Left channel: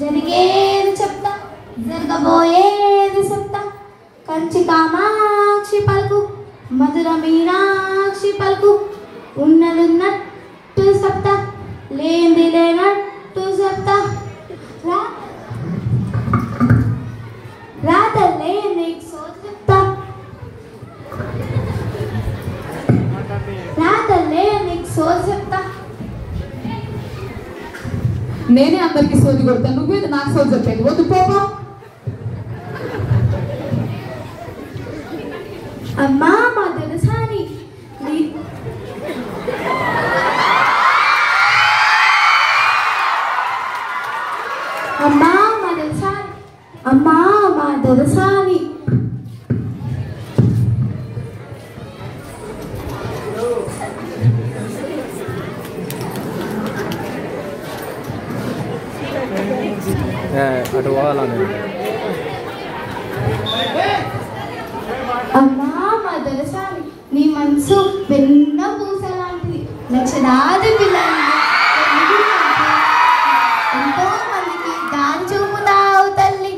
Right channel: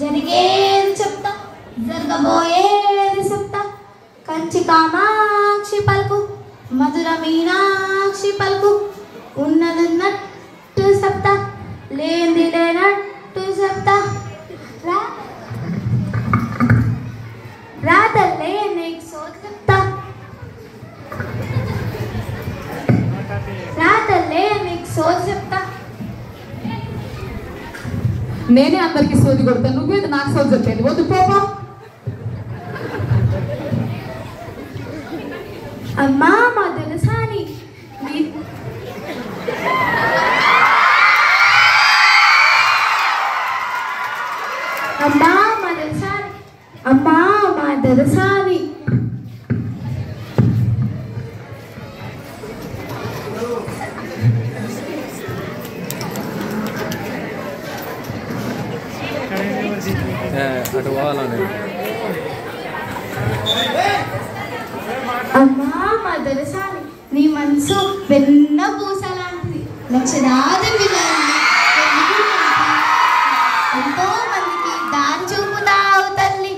జరిగేది చెప్తా జరగబోయేది చెప్తా కంచి కామాక్షి పలుకు మధుర మీనాక్షి పలుకు ఉన్నదున్నట్టు చెప్తా లేనిది లేనట్టు చెప్తా రాతల్లే నీకు సోది చెప్తా రాతల్లే నీకు సోది చెప్తా నేనే అందరికి సోది కొడతాను నువ్వేది నాకు సోది చెప్పేది వద్దు పోపా అమ్మా మా తెలుసాని అమ్మా మా తెలుసాని అమ్మా మా తెలుసాని అటు పోవాలని అమ్మా మా తెలుసాని నీ మనసు వెన్న పూసలాంటిది లక్షలాది పిల్లలు ఎంతో మందికి దారి చూపుతావు తల్లి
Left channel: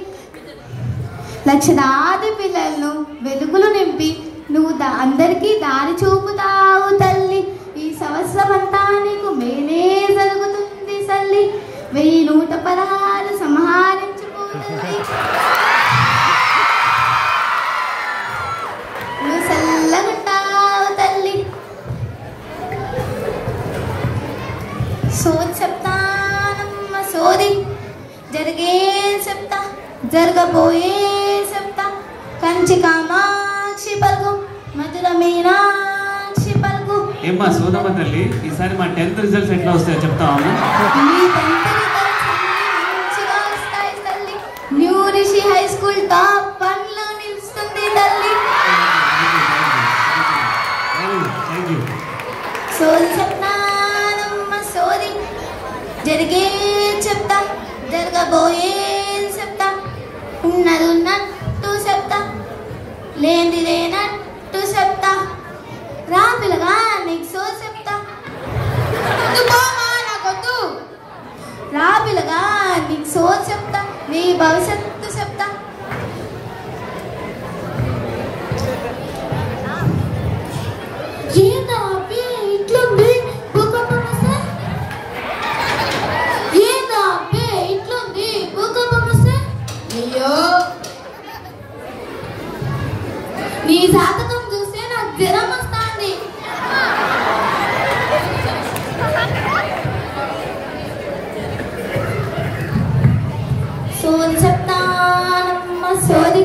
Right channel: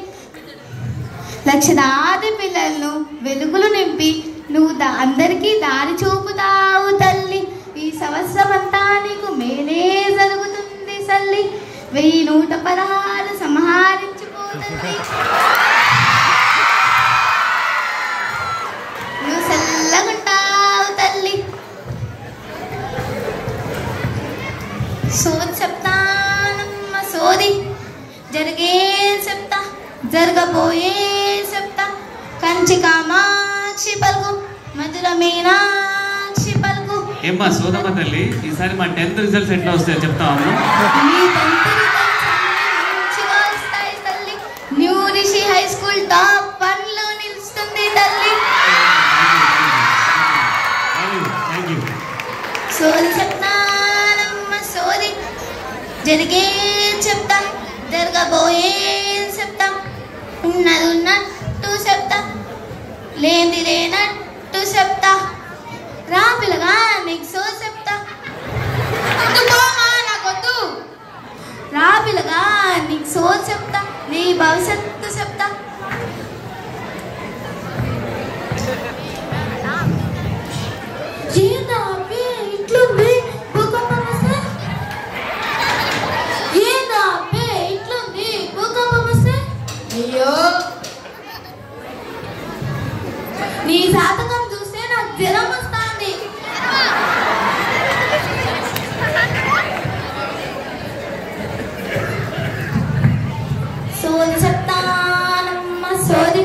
లక్షలాది పిల్లలను వెలుగులు నింపి నువ్వు అందరికీ దారి చూపుతావు తల్లి ఈ సంవత్సరం అంతా నీకు మేలే జరుగుతుంది తల్లి 1116 సంహరించుకుంటుంది నువ్వు చల్లగుంటావు తల్లి సోది చెప్తానమ్మ సోది జరిగే చెప్తా జరగబోయే చెప్తా కంచి కామాక్షి పలుకు మధుర మీనాక్షి పలుకు ఏమ్మా సోదమ్మ తల్లి ఈసారి మా 10th రిజల్ట్స్ ఎట్లా వస్తాయో చెప్తాము new Rishi high school top 1 లో నిలుస్తుంది తల్లి సోది చెప్తానమ్మ సోది జరిగే చెప్తా జరగబోయే చెప్తా ఉన్నది ఉన్నట్టు చెప్తా లేనిది లేనట్టు చెప్తా రా పిల్లగా నీకు సోది చెప్తా నాకొద్దు రా పిల్లగా నీకు సోది చెప్తా నీ భవిష్యత్తు చెప్తా ఇట్లుంది భూకంపం వస్తే ఇట్లుంది భూకంపం వస్తే అయ్యో నీ జాతకం చూస్తే నాకు జ్వరం వస్తుంది సోది చెప్తానమ్మ సోది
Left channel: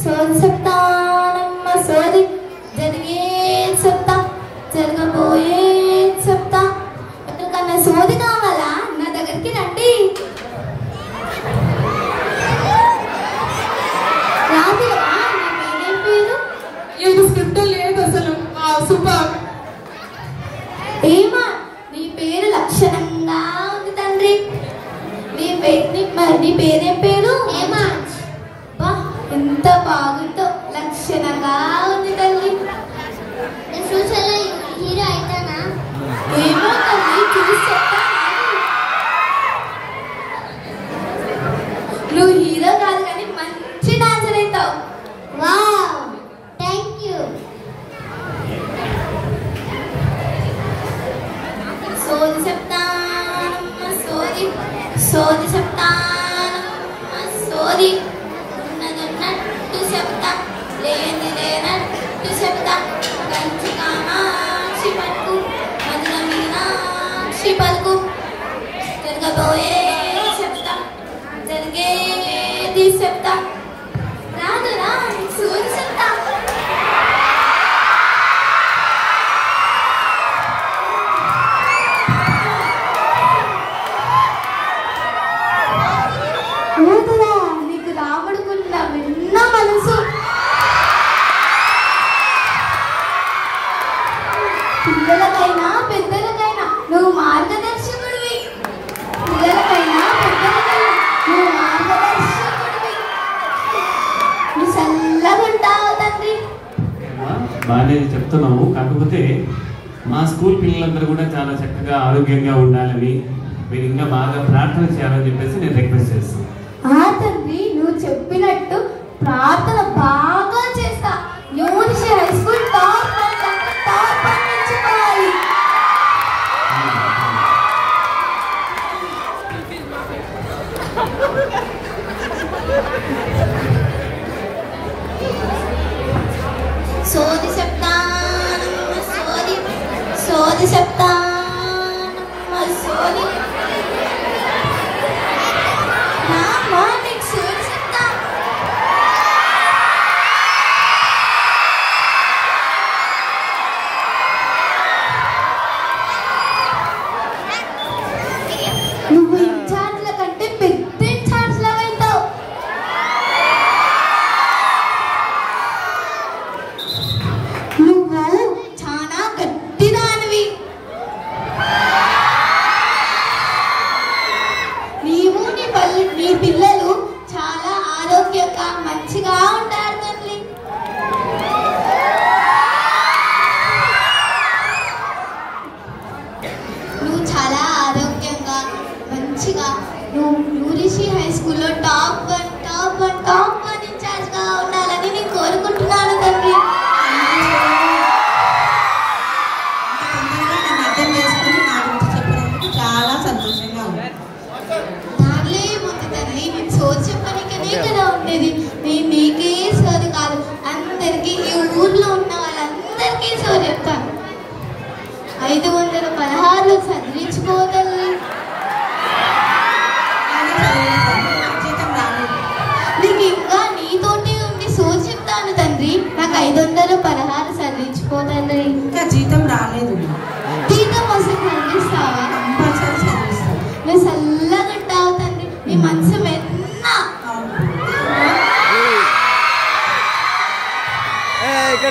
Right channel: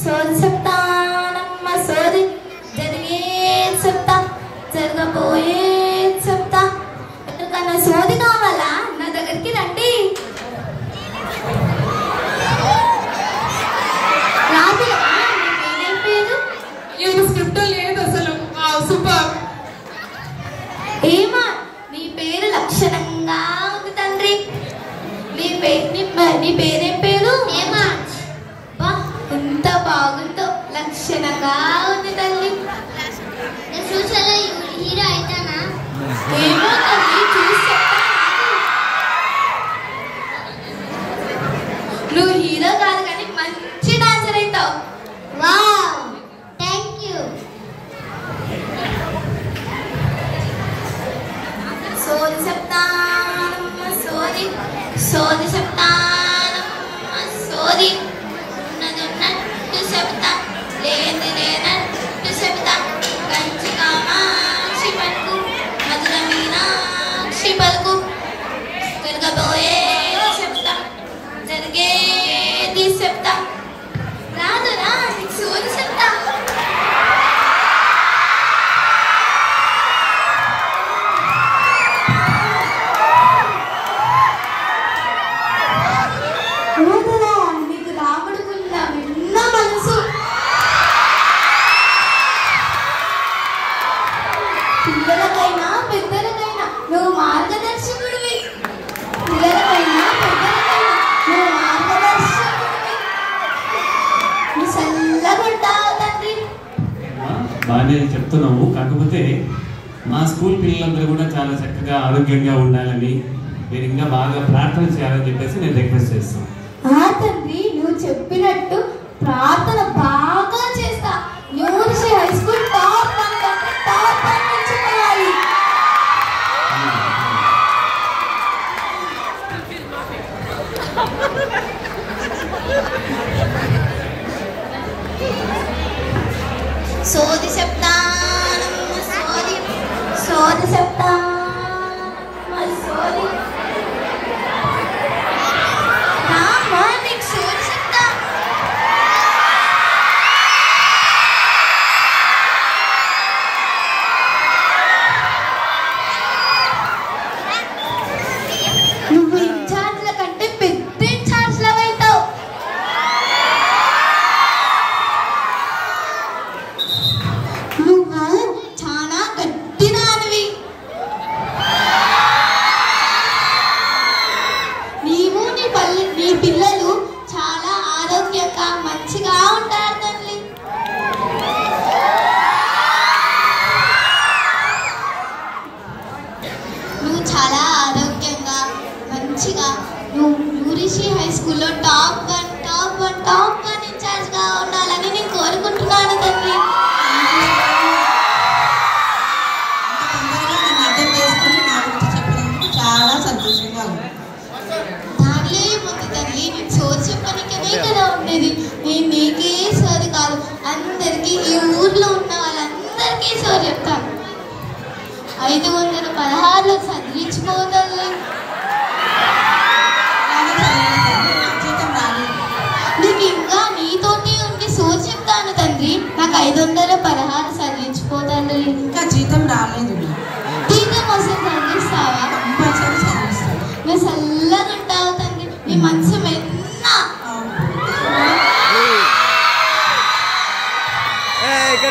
సోది చెప్తానమ్మ సోది జరిగే చెప్తా జరగబోయే చెప్తా ఎందుకన్నా సోది కావాలా నా దగ్గరికి రండి రాదు నేనేం పేరు ఇది స్క్రిప్ట్ లేదు అసలు సూపర్ ఏమా నీ పేరు లక్షణంగా ఉంది తండ్రి నీ పేరేం పేరు ఏమా ఎంత బాగుందో లక్షణంగా ఉంది తల్లి హీరో అయితేనా ఏమో తల్లి చూసి చెప్తా నువ్వు హీరో కాదు కానీ మంచి డాన్సర్ అవుతావు వావ్ థ్యాంక్ యూ సోది చెప్తానమ్మ సోది సోది చెప్తానమ్మ సోది ఉన్నది ఉన్నట్టు చెప్తా లేనిది లేనట్టు చెప్తా కంచి కామాక్షి పలుకు మధుర మీనాక్షి పలుకు జరగబోయే చెప్తా జరిగేది చెప్తా రాదురా నీకు సోది చెప్తా నీకు రాముడుకున్న విన్న మనసు పిల్లలకైనా పెద్దలకైనా నువ్వు మార్గదర్శకుడివి పిల్లలకైనా పెద్దలకైనా నువ్వు మార్గదర్శకుడివి నువ్వు చల్లగుంటావు తండ్రి బాగానే చెప్తున్నాము కాకపోతే మా స్కూల్ పిల్లలందరూ కూడా చాలా చక్కగా ఆరోగ్యంగా ఉండాలని మీరు ఇంకా బాగా ప్రార్థన చేయాలని చెప్పేసి నేను రిక్వెస్ట్ చేస్తాను. తండ్రి నువ్వు చెప్పినట్టు ప్రార్థన బాగా చేస్తా. న్యూరిషి హై స్కూల్ టాప్ 1 నిలిచిపోవాలి. సోది చెప్తాను సోది సోది చెప్తాను సోది నువ్వు ఇన్ఛార్జ్ల కంటే పెద్ద ఇన్ఛార్జ్ లాగా అవుతావు. నువ్వు చాలా గట్టిదానివి. నీవు నీ పిల్లలు చాలా ఆరోగ్యంగా మంచిగా ఉంటారు తల్లి. నువ్వు చాలా ఆరోగ్యంగా మంచిగా నువ్వు న్యూరిషి హై స్కూల్లో టాప్ 1 ఇన్ఛార్జ్గా ఉండాలని నేను కోరుకుంటున్నాను తల్లి. అర్థం చేసుకుని నా గురించి చెప్పడానికి చాలా సంతోషంగా ఉంది. దానిలో ఏముంది తల్లి, నేను సోది చెప్పడానికనే కదా ఉండేది. నేను నీకే సోది కాదు, అందరికీ ఈ ఊర్లో ఉన్న వాళ్ళందరికీ సోది చెప్తాను. 516 చదివించిపోతల్లి. నీకు ఇంకా నీతోటి ఉండి సోది చెప్తాను తండ్రి. నాకు 516 చదివించిపోతండ్రి. ఇంకా జీతం రాలేదు. జీతం వస్తే చదివిస్తావా? కంపల్సరీ చదివిస్తాను. నువ్వు చల్లగా ఉంటావు తండ్రి. నీ మనసు వెన్న.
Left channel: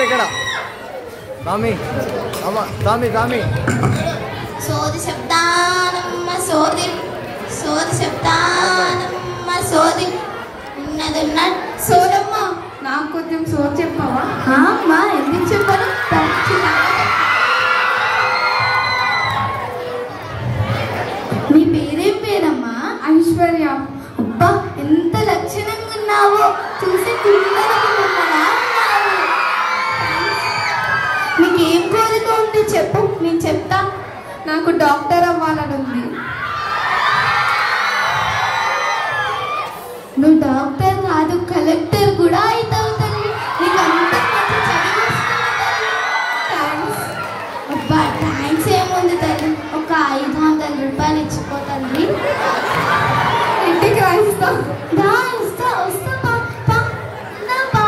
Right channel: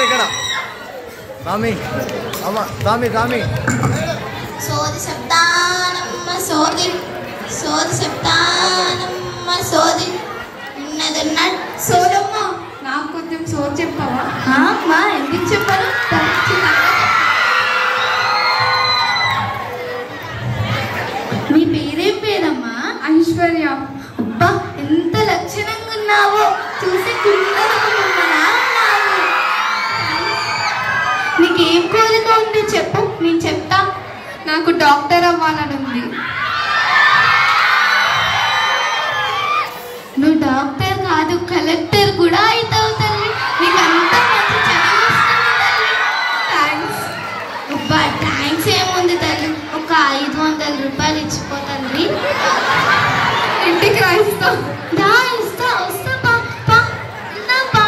ఇక్కడ స్వామి స్వామి స్వామి సోది చెప్తానమ్మ సోది సోది చెప్తానమ్మ సోది ఉన్నదన్న సోదమ్మ. నాకు కొంచెం సోది చెప్తావా? అమ్మా ఎందుకు చెప్పాను? నీ పేరేం పేరమ్మా? ఐశ్వర్య. అబ్బా ఎంత లక్షణంగా ఉన్నావో, చూసి పిల్లలు ఉన్నావు. నీకేం కోరిక ఉంది చెప్పు, నేను చెప్తా. నాకు డాక్టర్ అవ్వాలని ఉంది. నువ్వు డాక్టర్ కాదు, కలెక్టర్ కూడా అవుతావు తల్లి. నీకు అంత మంచి చదువు వస్తుంది తల్లి. అబ్బా థ్యాంక్స్ ఏముంది తల్లి, ఒక 500 రూపాయలు ఇచ్చిపో తల్లి. ఇంటికి రాయిస్తా. ఇస్తా వస్తా పా పా ఇందా పా.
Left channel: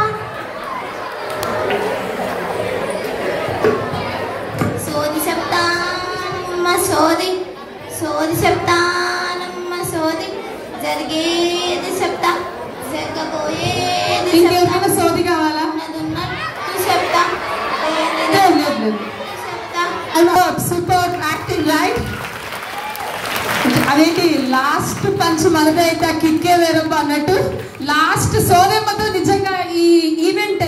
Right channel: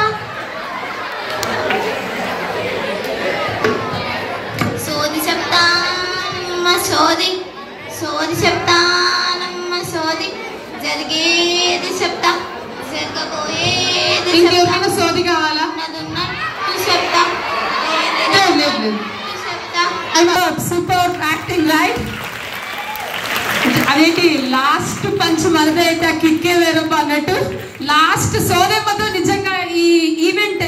సోది చెప్తానమ్మ సోది సోది చెప్తానమ్మ సోది జరిగేది చెప్తా జరగబోయేది ఇంకేమైనా సోది కావాలా? చెప్తా లేదు. Super acting right. అదేంటి లాస్ట్ పంచ్ మనదైతే కిక్కే వేరప్ప అన్నట్టు లాస్ట్ సోదమ్మతో నిజంగా ఈ ఈవెంట్